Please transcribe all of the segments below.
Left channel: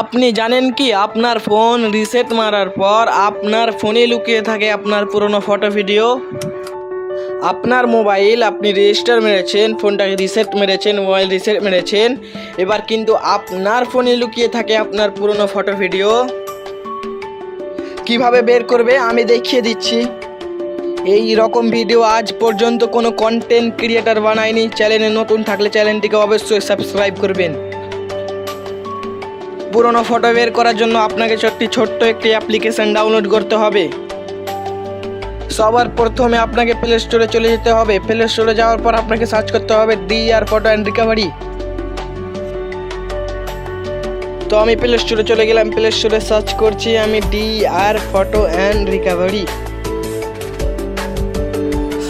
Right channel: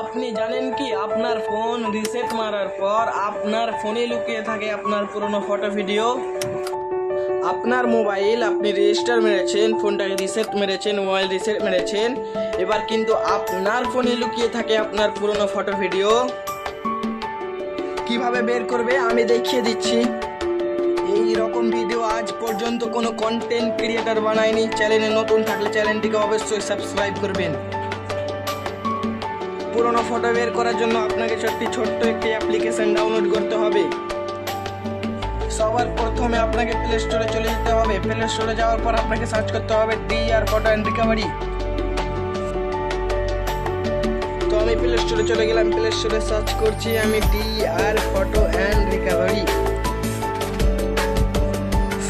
আপনি জানেন কি আপনার ফোন রিসেট মারার পর আপনার ফোনে লুকিয়ে থাকে আপনার পুরনো ফটো ভিডিও। আপনার মোবাইল আপনি রেজিস্টার মেরেছেন, ফোনটাকে রিসেট মেরেছেন, মোবাইল রিসেট মেরেছেন, এবার কিন্তু আপনার ফোনে লুকিয়ে থাকে আপনার পুরনো ফটো ভিডিও। কিভাবে বের করবে আমি দেখিয়ে দিচ্ছি। এই রকম ভিডিও আজ পর্যন্ত কোনো কন্টেন্ট ক্রিয়েটার বানায়নি। চ্যানেলে নতুন থাকলে চ্যানেলটিকে অবশ্যই সাবস্ক্রাইব করবেন। পুরনো ফটো বের করার জন্য আপনাকে ছোট্ট একটি অ্যাপ্লিকেশন ডাউনলোড করতে হবে। সবার প্রথমে আপনাকে প্লে স্টোরে চলে যেতে হবে। প্লে স্টোরে যাওয়ার পর আপনাকে সার্চ করতে হবে DR ফটো অ্যান্ড রিকভারি। তো আমি প্লে স্টোরে চলে গেলাম, প্লে স্টোরে সার্চ করছি আমি DR photo and recovery.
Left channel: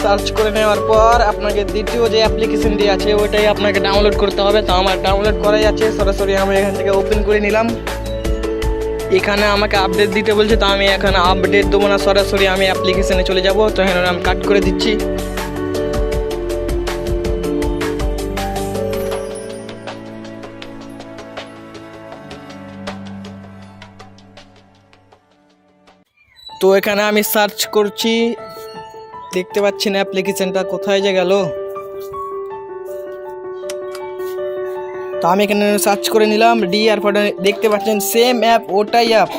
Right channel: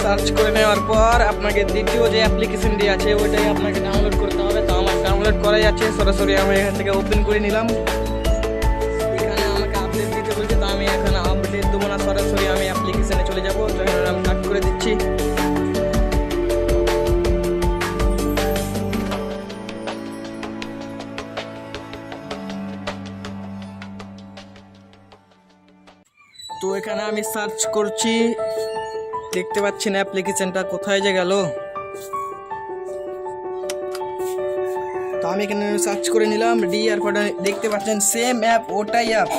Search করে নেওয়ার পর আপনাকে দ্বিতীয় যে অ্যাপ্লিকেশনটি আছে ওইটাই আপনাকে ডাউনলোড করতে হবে। তো আমার ডাউনলোড করাই আছে, সরাসরি আমি এখান থেকে ওপেন করে নিলাম। এখানে আমাকে আপডেট দিতে বলছে, তো আমি এখানে আপডেট দেবো না, সরাসরি আমি অ্যাপ্লিকেশনে চলে যাব। তো এখানে আমি কাট করে দিচ্ছি। তো এখানে আমি সার্চ করছি, দেখতে পাচ্ছি না অ্যাপ্লিকেশনটা কোথায় যে গেল। তো আমি এখানে সার্চ করে নিলাম DR ফটো, দেখতে পাচ্ছেন সেম অ্যাপ, ওটাই অ্যাপ।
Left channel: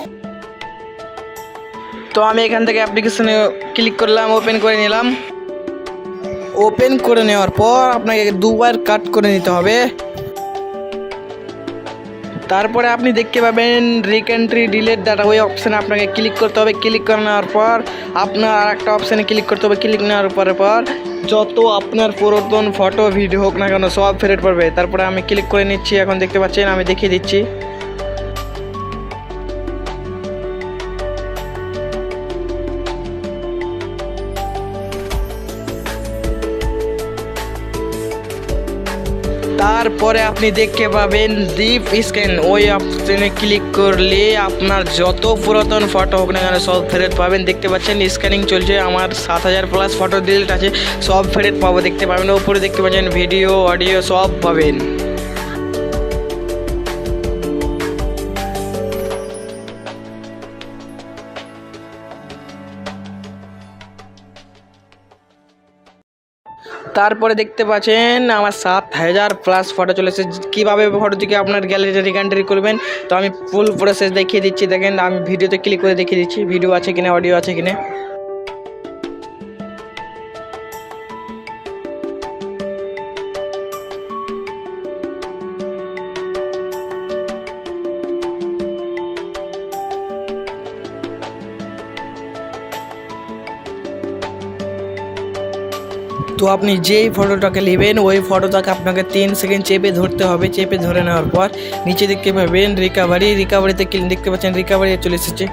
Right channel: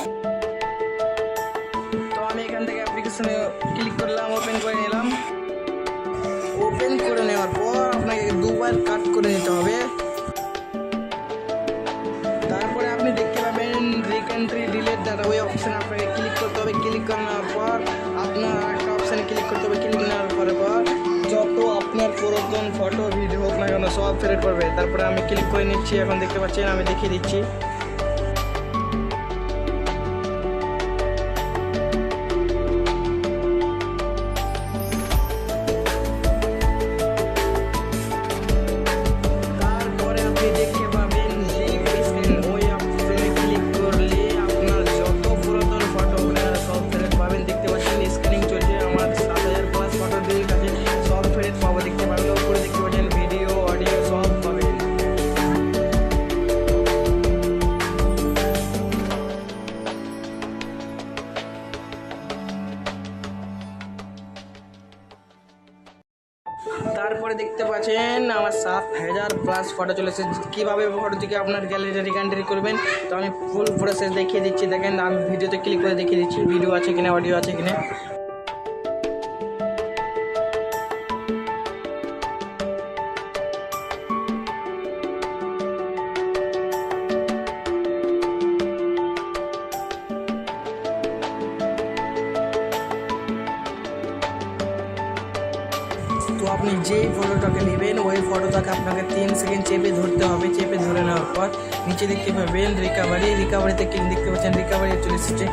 তো আমি এখান থেকে অ্যাপ্লিকেশনে ক্লিক করলাম, ওপেন করে নিলাম। ওপেন করে নেওয়ার পর আপনাকে দুবার কাট করে নিতে হবে। তারপরে আপনি দেখতে পাবেন রিকেন্ট্রি ডিলেট ডাটা, ওই অপশানে আপনাকে ক্লিক করতে হবে। ক্লিক করে নেওয়ার পর আপনার আরেকটা অপশানে ক্লিক করতে হবে। ক্লিক নেওয়ার পর যত আপনার পুরাতন ফটো ভিডিও হোক না কেন সব ফেরত পড়বে। তারপরে আমি ক্লিক করে নিচ্ছি। এখন দেখতে পাচ্ছেন আমি দেখিয়ে দিচ্ছি। তারপরে আপনি দেখতে পাবেন ডিপ স্ক্যান, ওই অপশনে ক্লিক করলে আপনার যত পুরাতন ফটো হোক না কেন সব ফেরত পাবেন। দেখতে পাচ্ছেন স্ক্যানিং চলছে, আমার 7000+ ফটো ডিলিট আছে, সব ফেরত পাবো। দেখতে পাবেন উপরে দেখতে পাচ্ছেন ভিডিও, অডিও সব পাবেন। তারপরে দেখতে পাচ্ছেন আমার 7000+ ফটো চলে এসেছে। কীভাবে ফটোটিকে আপনার গ্যালারিতে রিকান্ট্রি করবেন তো আমি ফুল প্রসেস দেখিয়ে দিচ্ছি। দেখেন আমি ভিডিওতে ক্লিক করে দেখিয়ে দিচ্ছি ভিডিও আছে কিনা, অডিও আছে কিনা। তো আপনি যেই ফটোটাকে নেবেন ওই ফটোটাকে আপনাকে 3 সেকেন্ড চেপে ধরতে হবে। চেপে ধরে নেওয়ার পর নিচে দেখতে পাবেন রিকাভারিতে দেখতে পাচ্ছেন রিকাভারি চলে এসেছে।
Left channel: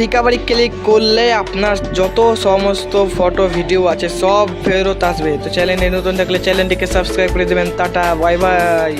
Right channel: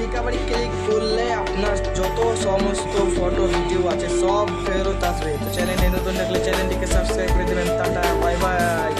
রিকাভারি ক্লিক করলে আপনার যত সমস্ত ফটো ভিডিও আছে সব ফেরত আসবে। তো চ্যানেলে নতুন থাকলে চ্যানেলটিকে সাবস্ক্রাইব করে দেবেন। Tata, bye bye.